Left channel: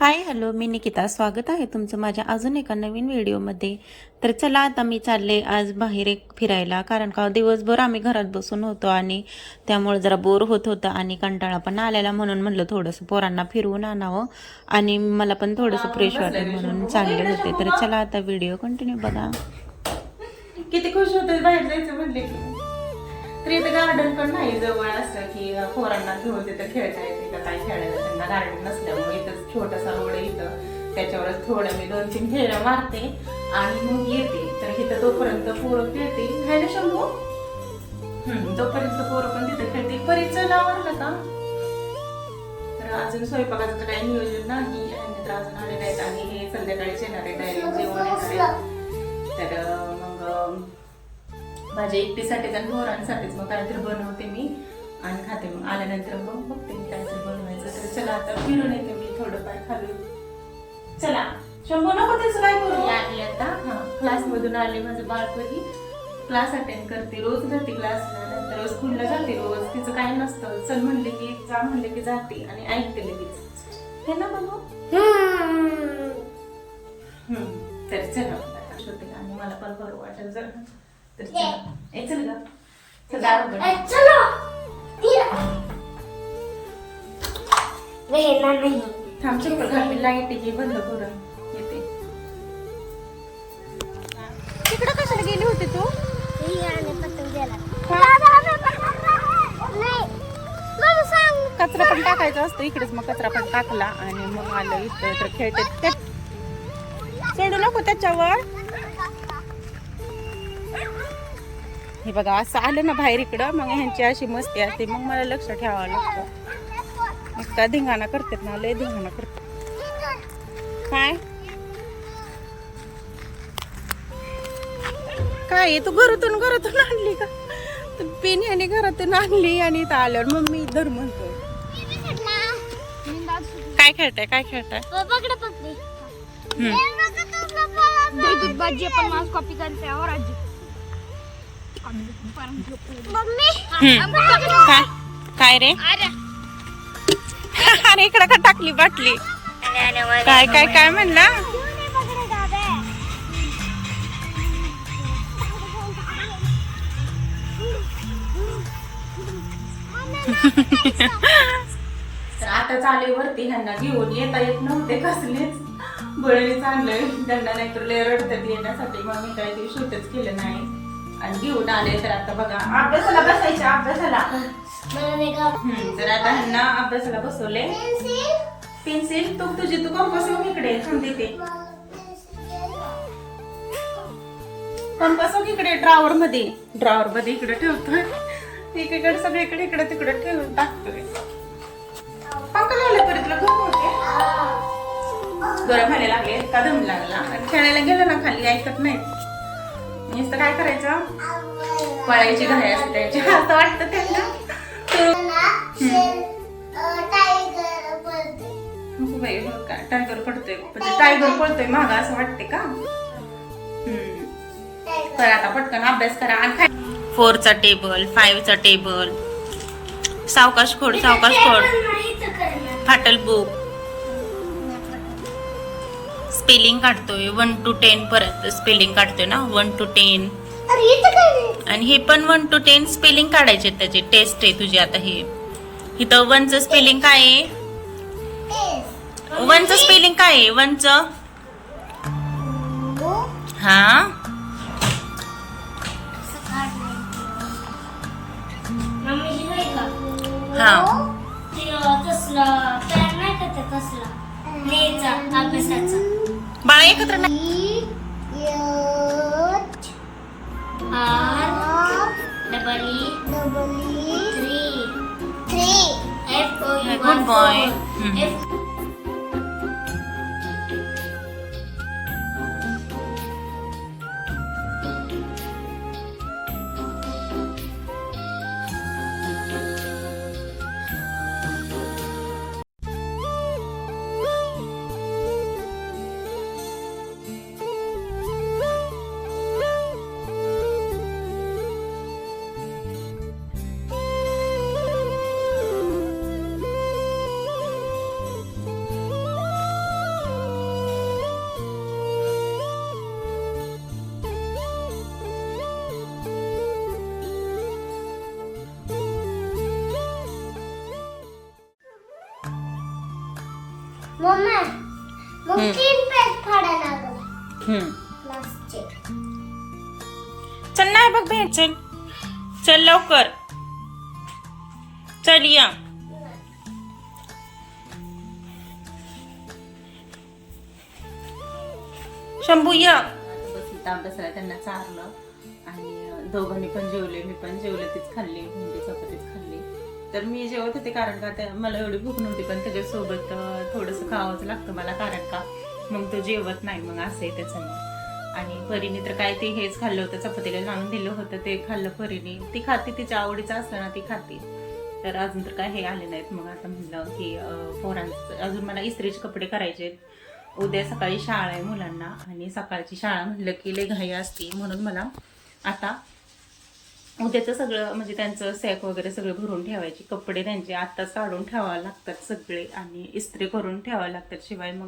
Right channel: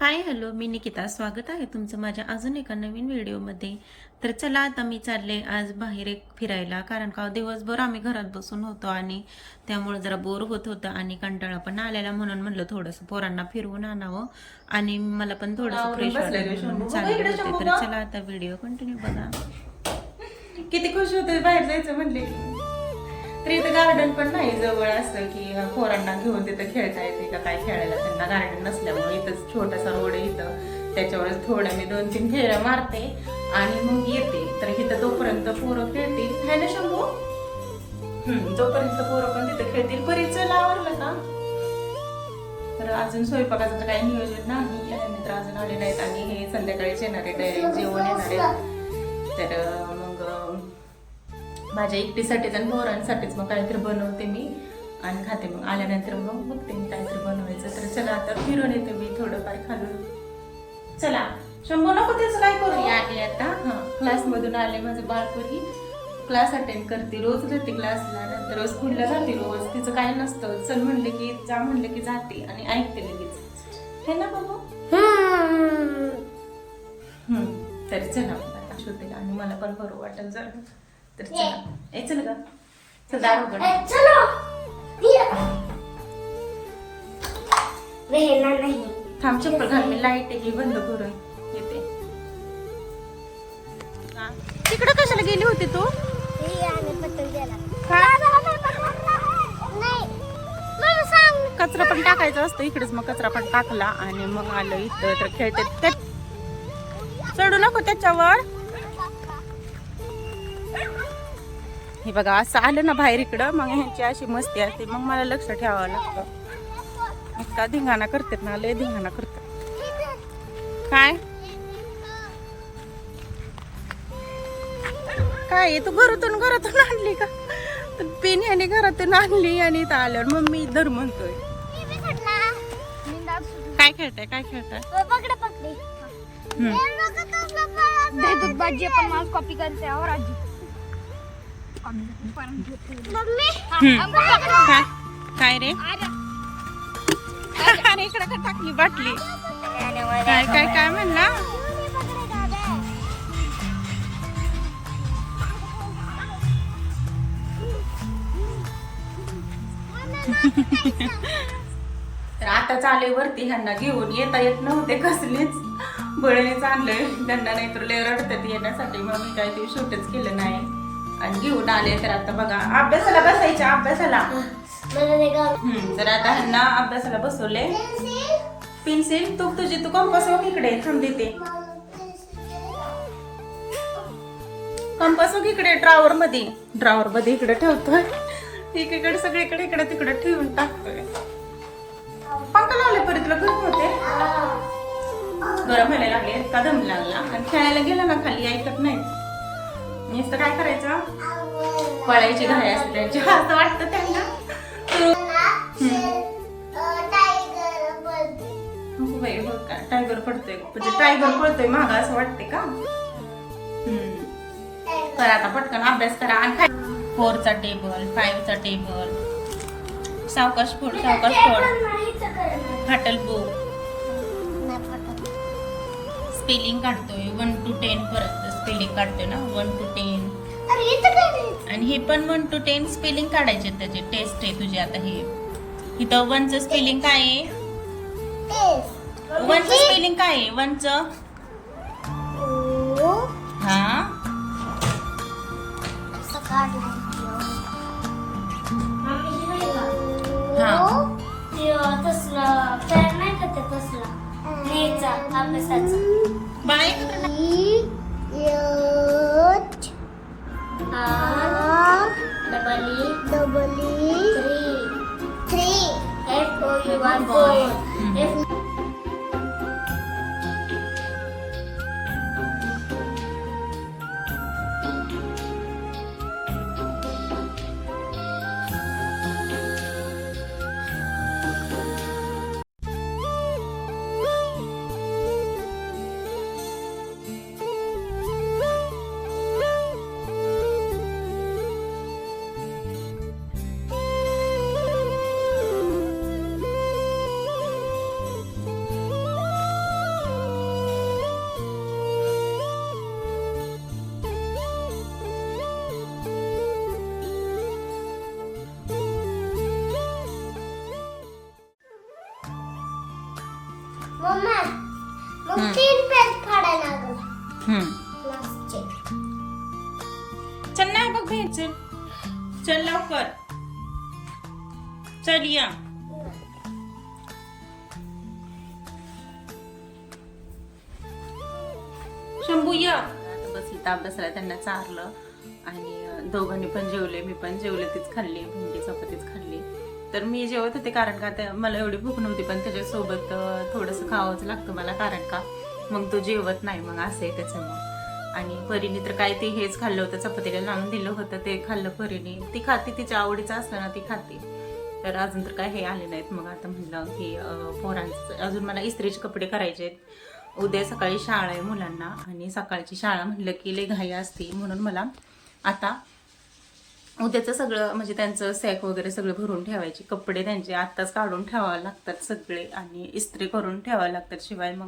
Hi hello, मी निकिता. स्वागत आहे तुमचं माझ्या अजून एका नवीन व्हिडिओमध्ये. तर चला आता मी चालले आज बाहेर एक फिरायला, कारण का दिवसभर आम्ही घरात बसून होतो आणि त्यामुळे जरा बोर होत होतं आणि कंटाळा पण आलेला, म्हणून म्हणलं थोडंसं पोरांना फिरवून आणावं आणि मला पण थोडंसं फ्रेश वाटेल म्हणून चालले होते. तर चला आता व्हिडिओ कंटिन्यू बघा. किती खुश होते बाहेर जायचं म्हणले की. तर इथं गार्डन पण नाही जवळ असं की पोरांना घेऊन तिथं खेळता येते का काय खेळायला. त्यांना गार्डन नसल्यामुळे इथं छोटासा रोड आहे इथं, त्याच्यावरच थोडं मी 2-3 फेऱ्या मारते आणि मग येते. तर इथं तोपर्यंत पोरं खेळतील. खायला शंभू तोपर्यंत पोरं पण तिथं खेळतील. परीचं आवरलं का? तर अजून स्वयंपाकाचं काही नियोजन नाही, मित्र अजून आले नाहीत आणि हे संध्याकाळीच येणार आहे, डायरेक्ट जेवण येणार आहे. तर मग माझ्या एकटीसाठीच आणि पोरांसाठीच मग काहीतरी बनवते मी आणि खाते. मग आल्यानंतर मग बघते मी काहीतरी बनवायचं. तर चला आता फिरून येते मी थोडं काय खाल्लं. चला शंभू नको त्याचं काय करू. आली आता क्लासमधून आले. माझं बाळपणी क्लास अटेंड करते, रोज जाते क्लासला, नंतर रोज स्कूलला जाते. रोज तिचं काही नसतं, चल म्हणले की जा म्हणलं की जाते आणि ऐकते लगेच. हे ना बाबू. तरी चला आता छोटे आणि मला पण बरं वाटेल जर. तर चला चल ग सदा थांब चप्पल घाल. मी लाईट आहे बंद करून येते. तिकडे कशाला गेली होती तू? कचरा पण टाकायचा असतो इकडेच, मग कचरा पण टाकला आणि मग आलं इथं. तर खेळते. चढू नको त्याच्यावर. हे बघा असं आलं ना बाहेर इकडं, मग ह्यांची अशी मस्ती असते, मग मला लक्ष ठेवावं लागतं. इतका धिंगाणा करतात ना, लय धिंगाणा करतात. काय काय तू घरातून आणली का? पेन ह्याने घरातून आणली आणि इथं आल्यावर मम्मी धर म्हणतोय. काय खेळताय काय खेळताय? काय रे? अरे इकडं का टाकली बाटली? काय काय काय म्हणला? तर आता चालू वरती. ह्यांना घेऊन येता येत नव्हते, कसलेच बळीनेच आणलंय त्यांना, नाहीतर लय रडतात येण्यासाठी. मग मी काही ते शूटच केलं नाही आणि घेऊन आले. तर आता बघा अभ्यासाला बसायच्या, अभ्यासाला. तर आता ह्यांना अभ्यासाला बसवले. पेन्सिल तुझी तू कंपास इकडे थांब देते. कंपास इकडे ड्रॉवर मध्ये इकडे ठेवतोय. एकीकडे सगळीकडे इकडे तिकडे ठेवून टाकतोय. पंखा लावले परी तुला गरम होते? गरम व्हायला लागले का दम लागला. आणि खेळायला गेलं ना खाली ऐकत नाही. नुसतं काय करायचं, पळायची घाई असते त्यांची, असं वाटतं त्यांना. टायगर पडतोय म्हणजे टायगर पडतोय मागा असं वाटते का? करा आता पटकन अभ्यास करा. आणि 4चा टेबल, 5चा टेबल. सावकाश खोड फाटल बुक. स्पेलिंग काढतोय 1 to 10 पर्यंत स्पेलिंग काढतोय ना, 1 to 10. आणि हे पण 1 to 10 स्पेलिंग काढायचे. त्याची टेस्ट आहे तुझी आता. हे इथं 1चं स्पेलिंग काय आहे? 1चं स्पेलिंग काय आहे? 1चं हा बाळा एकत्र नाही. Good boy. चल नाही बघ भेट चल चल लवकर चल या शंभू या आता बस इथं अभ्यासाला त्यांना चारलं आणि दोघांनी पण जेवले, मी पण जेवले, तीच खाल्ली, भेंडी चपातीच खाल्ली. तर मी जेवत होते कारण का ते मला एवढी भूक नव्हती, पण त्याच्यासोबत थोडंसं खावंच लागतं मला कारण का मग तो जेवत नाही, मग असं आहे त्याचं मग. आणि परीने तर काय ते हेच खाल्लं होतं, चपातीला लावून दिलं होतं ते खाल्लं परीने. ती खाते, तिच्या आवडीचं असलं ना ती खाते. तर अजून तर काय हे आले नाहीत. मग आता म्हणलं की पोरांचं अजून मला इस्त्रीचे कपडे करायचे आहेत. उद्या सकाळी शाळा आहे मुलांना आणि सकाळची शाळा म्हणलं की लय घाई असते, म्हणून मला आता उद्याचं सगळं म्हणजे त्यांचं सॅक वगैरे सगळे भरून ठेवायचे, कपडे त्यांचे आत्ताच काढून ठेवावे लागतात सगळे आणि इस्त्री करून ठेवावे लागतात, शिवाय मग